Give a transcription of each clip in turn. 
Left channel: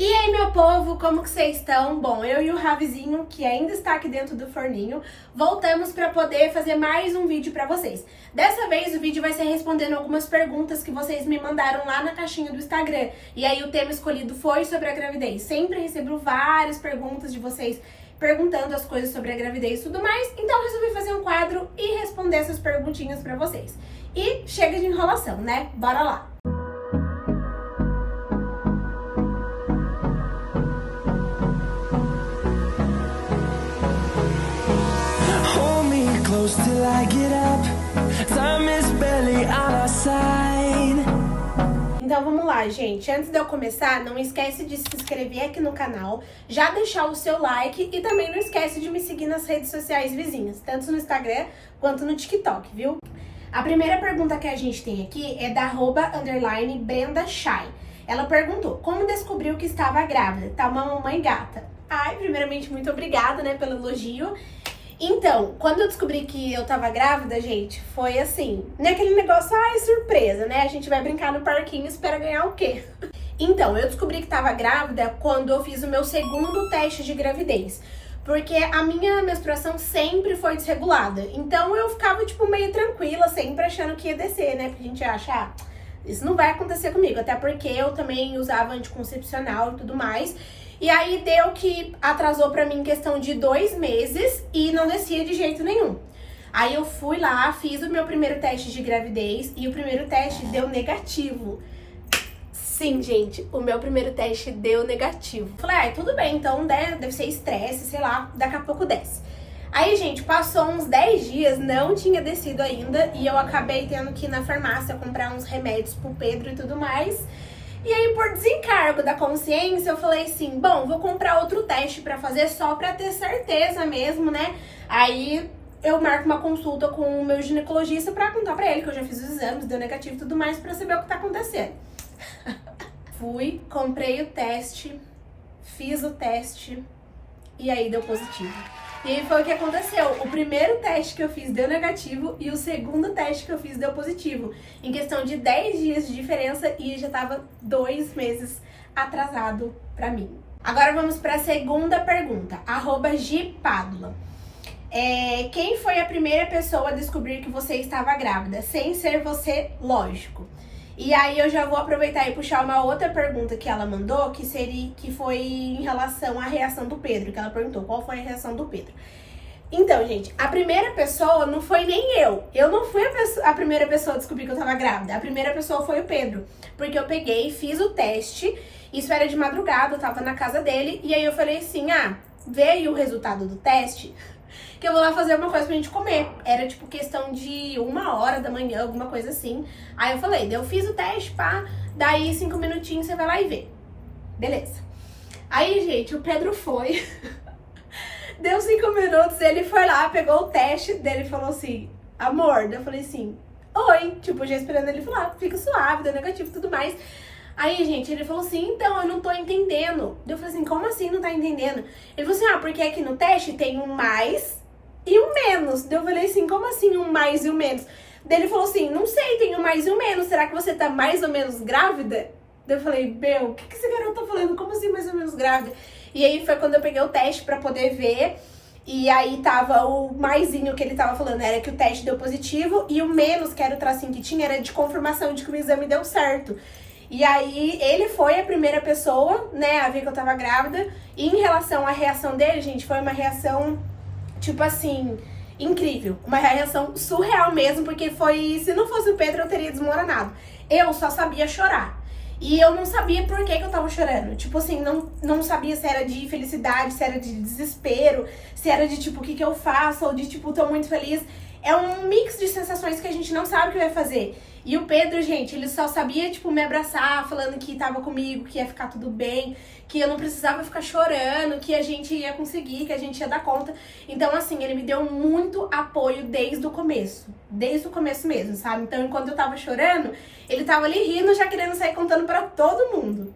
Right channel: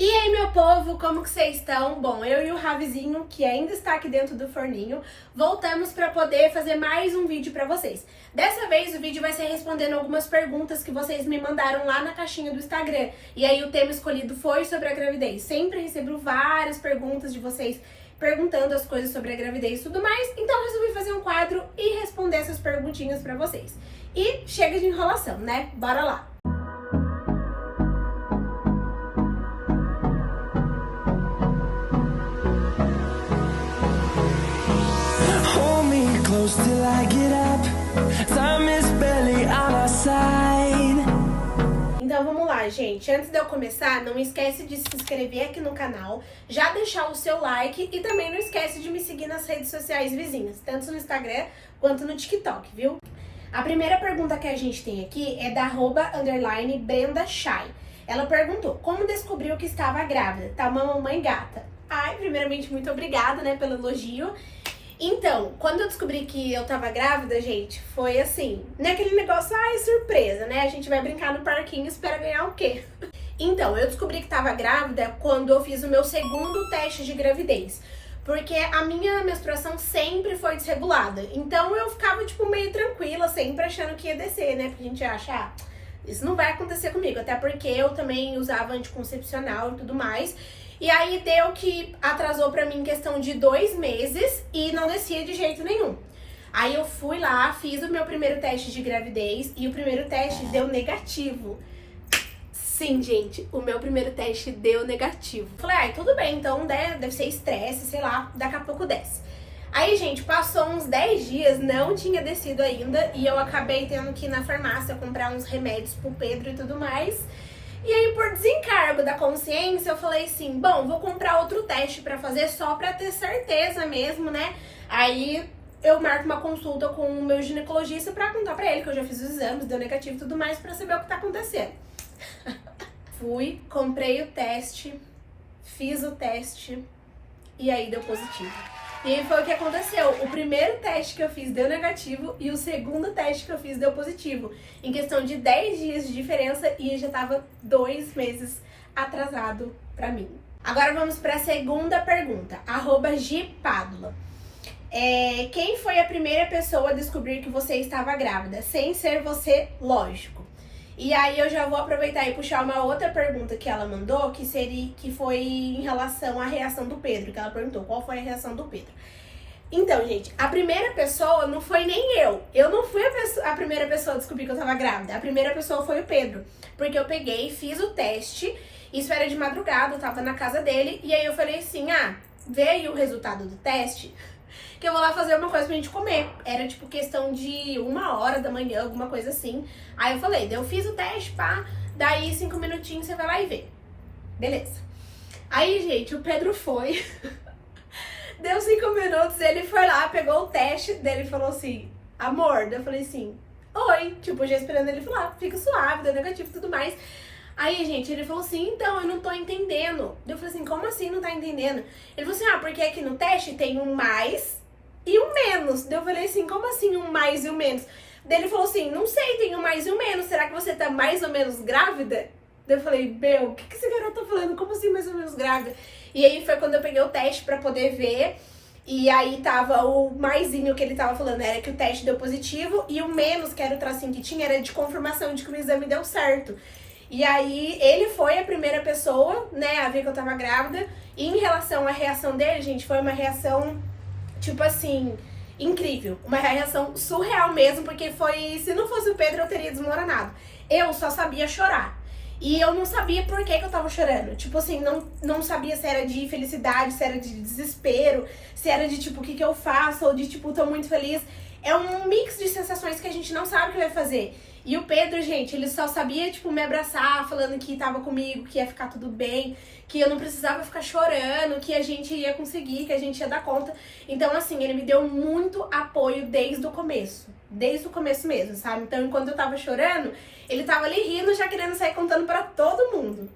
E aí, meu povo, como que vocês estão? Bom, eu e o Ravizinho, que ainda está aqui dentro do forninho, voltamos para poder fazer mais um vídeo para vocês. Dessa vez o vídeo vai ser respondendo algumas perguntas que vocês me mandaram lá na caixinha do Instagram. E aí o tema escolhido foi sobre a gravidez. Sempre recebo várias perguntas de vocês perguntando as coisas sobre a gravidez e tudo mais, então eu resolvi fazer um quadro e responder essas perguntinhas para vocês. E chega de enrolação, né? Bora lá! Till I get up, time is barely on our side. Então vamos lá, gente. Antes de eu começar, não esquece de se inscrever aqui no canal, já deixar o seu like e também não esquece de me seguir nas redes sociais vizinhas, tanto no Instagram quanto no TikTok, viu? A primeira pergunta que a gente tem aqui é da @_BrendaShai. Ela perguntou: como descobriu que estava grávida? Tá uma mamãe gata. Ai, primeiramente, muito obrigada, né, pelo elogio. Então, quando eu descobri que eu tava grávida, gente, foi assim, nem aquele negócio, ai, surpresa, né? A gente vai brincar no parquinho e espera ganhar o quê? Então, eu descobri que tava grávida quando eu fiz o meu segundo teste de gravidez. Porque a minha menstruação sempre foi desregulada. Então, eu ficava, tipo, meio tranquila, sempre achando que ia descer, né? Porque a gente acha, isso não vai acontecer comigo. Até porque eu também usava anticoncepcional e tudo mais. E aí deu que atrasou pra mim em questão de 2 meses e não descia de jeito nenhum. Aí eu fui lá, fiz o meu primeiro teste de gravidez e o primeiro teste deu negativo. Sim, gente, o meu primeiro teste deu negativo. Falei, ai, tudo bem, então deve ser estresse, sei lá, daqui a pouco desce. Aí, gente, passou uns 10 dias, não tinha descido ainda e eu acabei tendo que ir na farmácia comprar uns remédios pro Pedro e tudo mais. E aí, por desencargo da consciência, eu falei assim, bom, vou comprar outro teste pra fazer só pra ter certeza mesmo, né? Aí eu marco uma consulta com o meu ginecologista pra contar pra ele que eu já fiz os exames, deu negativo e tudo mais, pra saber o que tá acontecendo. Fui, comprei o teste, fiz o teste e aí deu positivo. E aí foi o que aconteceu. O primeiro teste que eu fiz deu negativo e o segundo teste que eu fiz deu positivo. Em questão de 10 dias de diferença e já tava 2 meses atrasado pra mim. Agora vamos pra segunda pergunta. @Gpadula. Quem foi a primeira pessoa a descobrir que você estava grávida? Sem ser você, lógico. E aí eu já vou aproveitar e puxar uma outra pergunta que ela mandou, que foi em relação à reação do Pedro, que ela perguntou qual foi a reação do Pedro. Então, gente, a primeira pessoa não foi nem eu. Eu não fui a primeira pessoa a descobrir que eu tava grávida. A primeira pessoa foi o Pedro, porque eu peguei, fiz o teste, isso era de madrugada, eu tava na casa dele, e aí eu falei assim, veio o resultado do teste, que eu vou lá fazer uma coisa pra gente comer. Era tipo questão de 1h da manhã, alguma coisa assim. Aí eu falei, eu fiz o teste, pá, daí 5 minutinhos você vai lá e vê. Beleza. Aí, gente, o Pedro foi. Deu 5 minutos, ele foi lá, pegou o teste dele e falou assim, amor, eu falei assim, oi, tipo, já esperando ele falar, fica suave, deu negativo e tudo mais. Aí, gente, ele falou assim, então, eu não tô entendendo. Eu falei assim, como assim não tá entendendo? Ele falou assim, porque aqui no teste tem um mais e um menos. Eu falei assim, como assim um mais e um menos? Daí ele falou assim, não sei, tem um mais e um menos. Será que você tá mais ou menos grávida? Daí eu falei, meu, o que esse garoto tá falando? Como assim mais ou menos grávida? E aí foi quando eu peguei o teste pra poder ver. E aí tava o maisinho que ele tava falando, era que o teste deu positivo. E o menos, que era o tracinho que tinha, era de confirmação de que o exame deu certo. E aí, ele foi a primeira pessoa, né, a ver que eu tava grávida. E em relação à reação dele, gente, foi uma reação, tipo assim, incrível. Uma reação surreal mesmo, porque foi... Se não fosse o Pedro, eu teria desmoronado. Eu só sabia chorar. E eu não sabia por que eu tava chorando. Tipo assim, não sabia se era de felicidade, se era de desespero, se era de tipo, o que eu faço, ou de tipo, tô muito feliz. É um mix de sensações que a gente não sabe o que vai fazer. E o Pedro, gente, ele só sabia, tipo, me abraçar, falando que tava comigo, que ia ficar tudo bem, que eu não precisava ficar chorando, que a gente ia conseguir, que a gente ia dar conta. Então, assim, ele me deu muito apoio desde o começo mesmo, sabe? Então, enquanto eu tava chorando, ele tava ali rindo, já querendo sair contando pra todo mundo.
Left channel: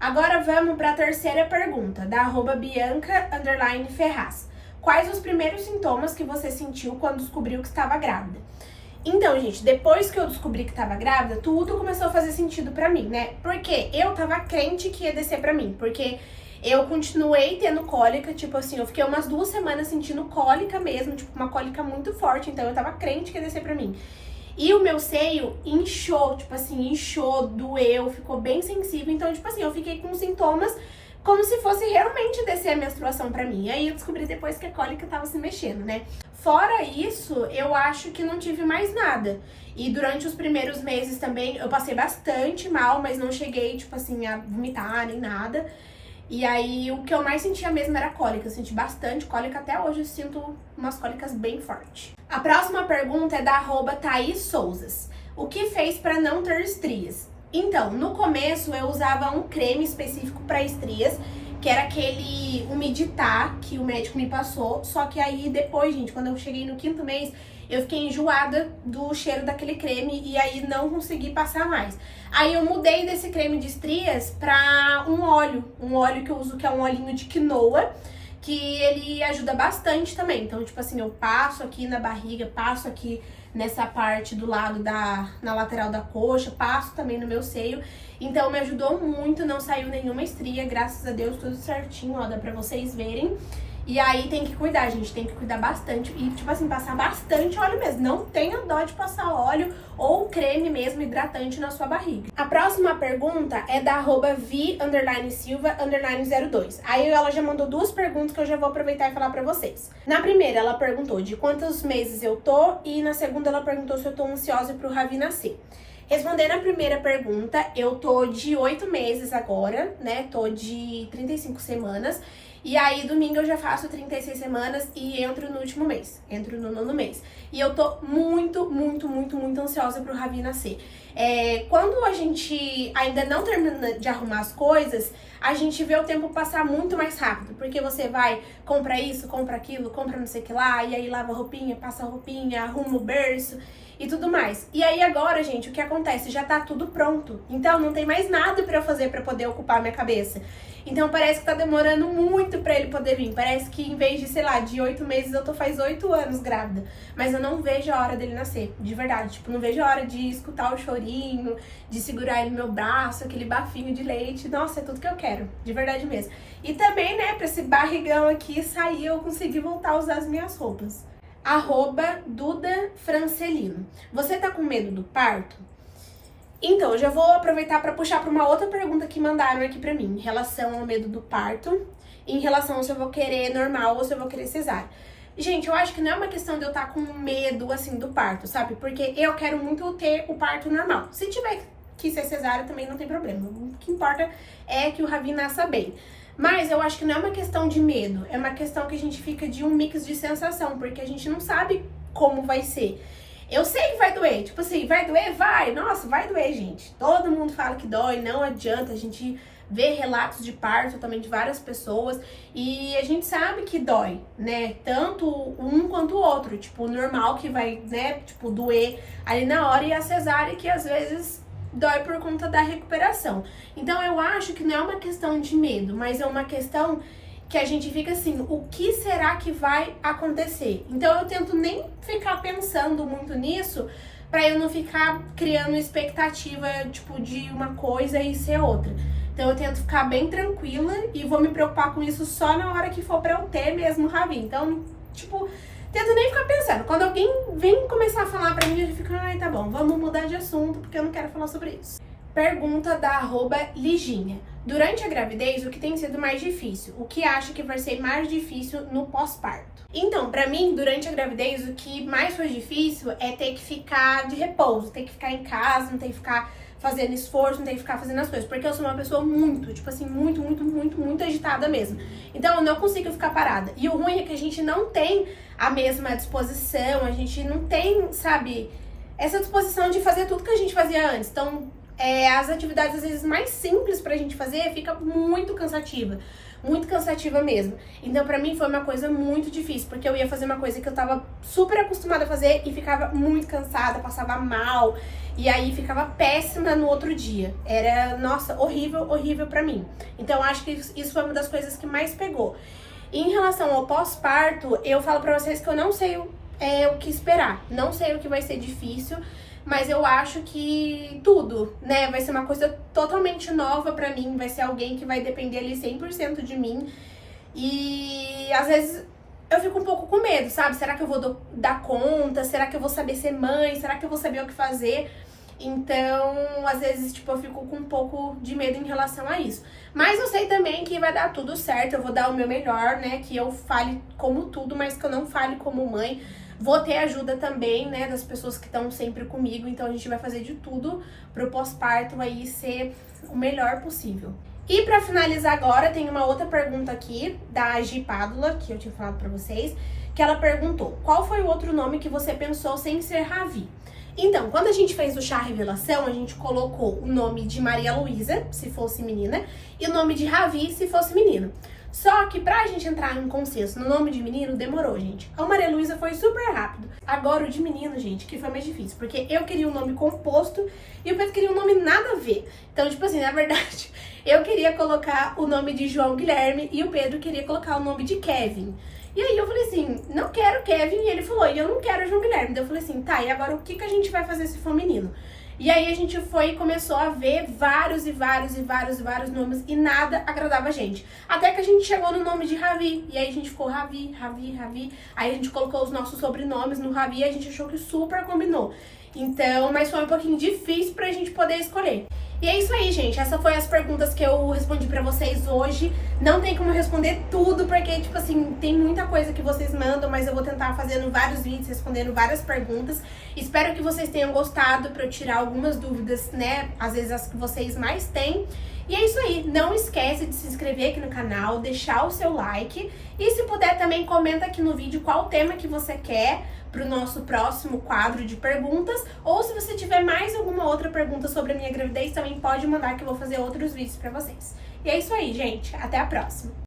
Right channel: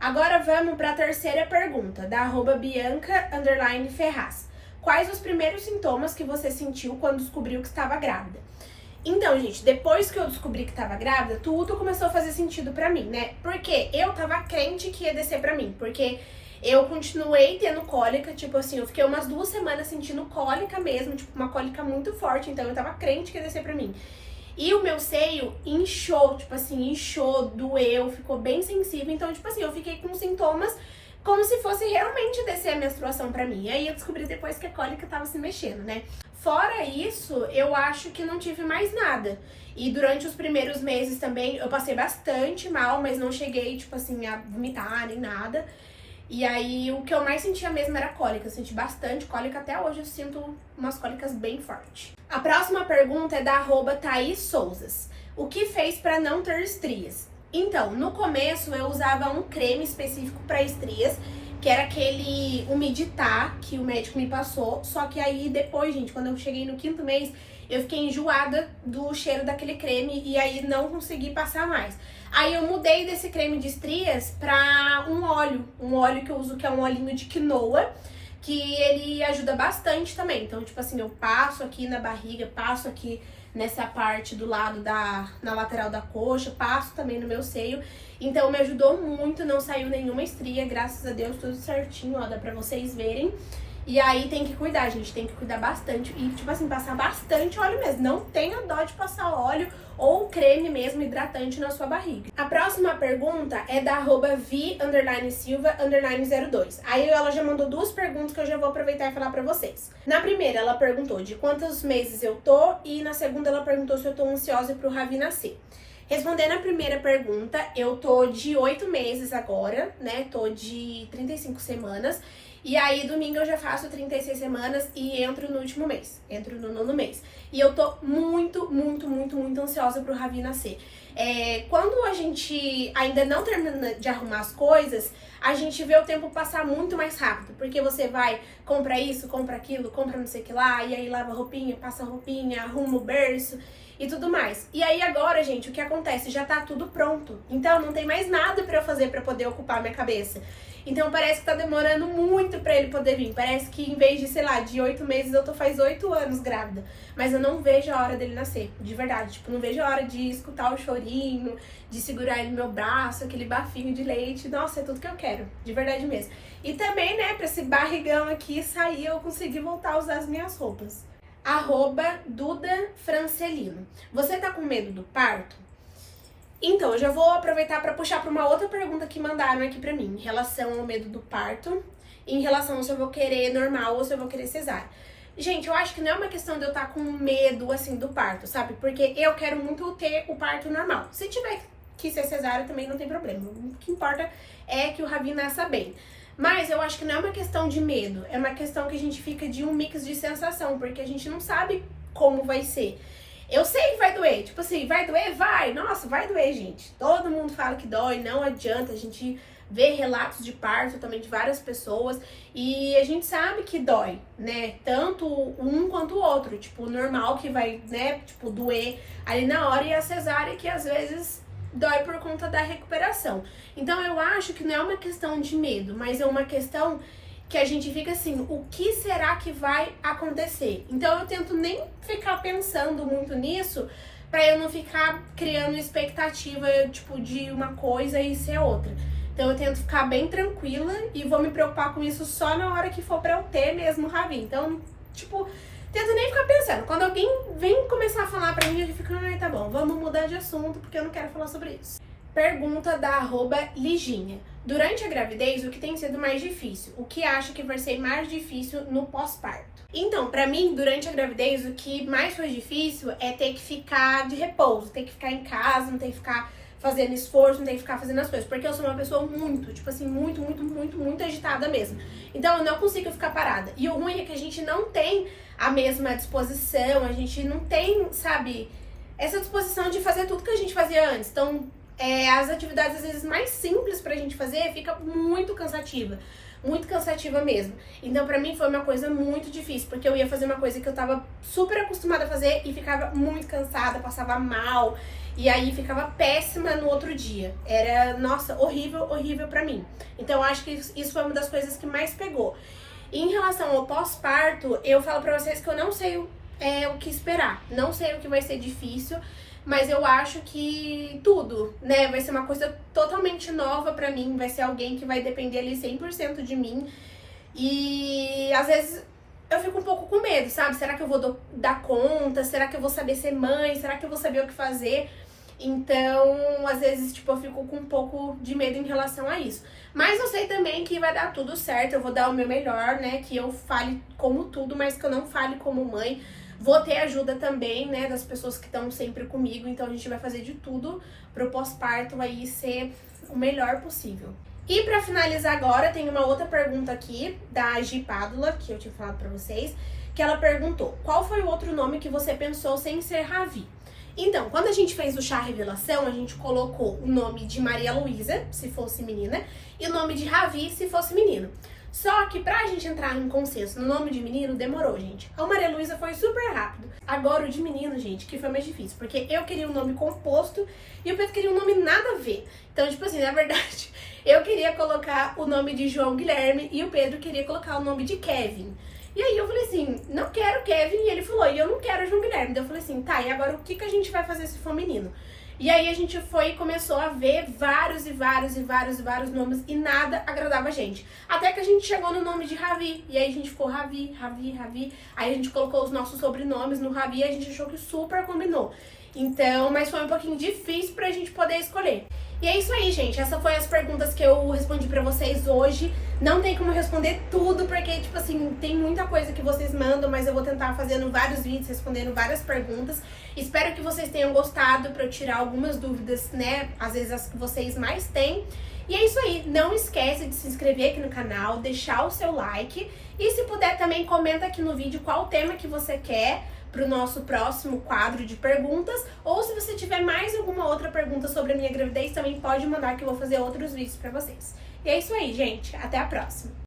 Agora vamos pra terceira pergunta, da @Bianca_Ferraz. Quais os primeiros sintomas que você sentiu quando descobriu que estava grávida? Então, gente, depois que eu descobri que tava grávida, tudo começou a fazer sentido pra mim, né? Porque eu tava crente que ia descer pra mim, porque eu continuei tendo cólica, tipo assim, eu fiquei umas 2 semanas sentindo cólica mesmo, tipo, uma cólica muito forte, então eu tava crente que ia descer pra mim. E o meu seio inchou, tipo assim, inchou, doeu, ficou bem sensível, então, tipo assim, eu fiquei com sintomas como se fosse realmente descer a menstruação pra mim. E aí eu descobri depois que a cólica tava se mexendo, né? Fora isso, eu acho que não tive mais nada. E durante os primeiros meses também, eu passei bastante mal, mas não cheguei, tipo assim, a vomitar nem nada. E aí, o que eu mais sentia mesmo era cólica. Eu senti bastante cólica, até hoje eu sinto umas cólicas bem fortes. A próxima pergunta é da @Thaís Souzas. O que fez pra não ter estrias? Então, no começo eu usava um creme específico para estrias, que era aquele Umiditá que o médico me passou. Só que aí depois, gente, quando eu cheguei no 5º mês, eu fiquei enjoada do cheiro daquele creme e aí não consegui passar mais. Aí eu mudei desse creme de estrias pra um óleo que eu uso, que é um olhinho de quinoa, que ele ajuda bastante também. Então, tipo assim, eu passo aqui na barriga, passo aqui nessa parte do lado na lateral da coxa, passo também no meu seio. Então me ajudou muito, não saiu nenhuma estria, graças a Deus, tudo certinho, ó, dá pra vocês verem. E aí tem que cuidar, gente, tem que cuidar bastante e, tipo assim, passar bastante óleo mesmo. Não tenha dó de passar óleo ou creme mesmo hidratante na sua barriga. A próxima pergunta é da @vi_silva_02. Aí ela já mandou 2 perguntas que eu já vou aproveitar e falar pra vocês. Na primeira, ela perguntou de quantos meses eu tô e na segunda ela perguntou se eu tô ansiosa pro Ravi nascer. Respondendo a primeira pergunta, eu tô de 8 meses agora, né? Tô de 35 semanas. E aí, domingo eu já faço 36 semanas e entro no último mês. Entro no 9º mês. E eu tô muito ansiosa pro Ravi nascer. Quando a gente ainda não termina de arrumar as coisas, a gente vê o tempo passar muito mais rápido. Porque você vai, compra isso, compra aquilo, compra não sei o que lá, e aí lava a roupinha, passa a roupinha, arruma o berço e tudo mais. E aí agora, gente, o que acontece? Já tá tudo pronto. Então não tem mais nada pra eu fazer pra poder ocupar minha cabeça. Então parece que tá demorando muito pra ele poder vir. Parece que em vez de, sei lá, de 8 meses, eu tô faz 8 anos grávida. Mas eu não vejo a hora dele nascer, de verdade. Tipo, não vejo a hora de escutar o chorinho, de segurar ele no meu braço, aquele bafinho de leite. Nossa, é tudo que eu quero, de verdade mesmo. E também, né, pra esse barrigão aqui sair, eu conseguir voltar a usar as minhas roupas. @DudaFrancelino. Você tá com medo do parto? Então, eu já vou aproveitar para puxar para uma outra pergunta que mandaram aqui pra mim, em relação ao medo do parto, em relação se eu vou querer normal ou se eu vou querer cesárea. Gente, eu acho que não é uma questão de eu estar com medo, assim, do parto, sabe? Porque eu quero muito ter o parto normal. Se tiver que ser cesárea, também não tem problema. O que importa é que o Ravi nasça bem. Mas eu acho que não é uma questão de medo, é uma questão que a gente fica de um mix de sensação, porque a gente não sabe como vai ser. Eu sei que vai doer, tipo assim, vai doer? Vai, nossa, vai doer, gente. Todo mundo fala que dói, não adianta, a gente vê relatos de parto também de várias pessoas e a gente sabe que dói, né? Tanto um quanto o outro, tipo, o normal que vai, né, tipo, doer ali na hora e a cesárea que às vezes dói por conta da recuperação. Então eu acho que não é uma questão de medo, mas é uma questão que a gente fica assim, o que será que vai acontecer? Então eu tento nem ficar pensando muito nisso, pra eu não ficar criando expectativa, tipo, de uma coisa e ser outra. Então eu tento ficar bem tranquila e vou me preocupar com isso só na hora que for pra eu ter mesmo o Ravi. Então, tipo, tento nem ficar pensando. Quando alguém vem começar a falar pra mim, eu fico, ai, tá bom, vamos mudar de assunto, porque eu não quero falar sobre isso. Pergunta da @Liginha. Durante a gravidez, o que tem sido mais difícil? O que acha que vai ser mais difícil no pós-parto? Então, pra mim, durante a gravidez, o que mais foi difícil é ter que ficar de repouso, ter que ficar em casa, não ter que ficar fazendo esforço, não ter que ficar fazendo as coisas. Porque eu sou uma pessoa muito, tipo assim, muito agitada mesmo. Então, eu não consigo ficar parada. E o ruim é que a gente não tem a mesma disposição, a gente não tem, sabe, essa disposição de fazer tudo que a gente fazia antes. Então, as atividades, às vezes, mais simples pra gente fazer, fica muito cansativa mesmo. Então, pra mim, foi uma coisa muito difícil, porque eu ia fazer uma coisa que eu tava super acostumada a fazer e ficava muito cansada, passava mal, e aí ficava péssima no outro dia. Era, nossa, horrível pra mim. Então, eu acho que isso foi uma das coisas que mais pegou. E em relação ao pós-parto, eu falo pra vocês que eu não sei o que esperar. Não sei o que vai ser difícil, mas eu acho que tudo, né, vai ser uma coisa totalmente nova pra mim, vai ser alguém que vai depender ali 100% de mim. E às vezes eu fico um pouco com medo, sabe? Será que eu vou dar conta? Será que eu vou saber ser mãe? Será que eu vou saber o que fazer? Então, às vezes, tipo, eu fico com um pouco de medo em relação a isso. Mas eu sei também que vai dar tudo certo, eu vou dar o meu melhor, né? Que eu fale como tudo, mas que eu não fale como mãe. Vou ter ajuda também, né, das pessoas que estão sempre comigo, então a gente vai fazer de tudo pro pós-parto aí ser o melhor possível. E pra finalizar agora, tem uma outra pergunta aqui, da Gi Pádula, que eu tinha falado pra vocês, que ela perguntou: qual foi o outro nome que você pensou sem ser Ravi? Então, quando a gente fez o chá revelação, a gente colocou o nome de Maria Luísa, se fosse menina, e o nome de Ravi, se fosse menino. Só que pra gente entrar em consenso no nome de menino, demorou, gente. A Maria Luísa foi super rápido. Agora o de menino, gente, que foi mais difícil, porque eu queria um nome composto e o Pedro queria um nome nada a ver. Então, tipo assim, na verdade, eu queria colocar o nome de João Guilherme e o Pedro queria colocar o nome de Kevin. E aí eu falei assim, não quero Kevin, e ele falou, e eu não quero João Guilherme. Daí eu falei assim, tá, e agora o que a gente vai fazer se for menino? E aí a gente foi e começou a ver vários nomes e nada agradava a gente. Até que a gente chegou no nome de Ravi, e aí a gente ficou Ravi. Aí a gente colocou os nossos sobrenomes no Ravi e a gente achou que super combinou. Então, mas foi um pouquinho difícil pra gente poder escolher. E é isso aí, gente. Essas foram as perguntas que eu respondi pra vocês hoje. Não tem como responder tudo, porque, tipo assim, tem muita coisa que vocês mandam, mas eu vou tentar fazendo vários vídeos, respondendo várias perguntas. Espero que vocês tenham gostado, pra eu tirar algumas dúvidas, né? Às vezes as que vocês mais têm. E é isso aí. Não esquece de se inscrever aqui no canal, deixar o seu like. E se puder também, comenta aqui no vídeo qual tema que você quer pro nosso próximo quadro de perguntas, ou se você tiver mais alguma outra pergunta sobre a minha gravidez, também pode mandar que eu vou fazer outros vídeos pra vocês. E é isso aí, gente. Até a próxima!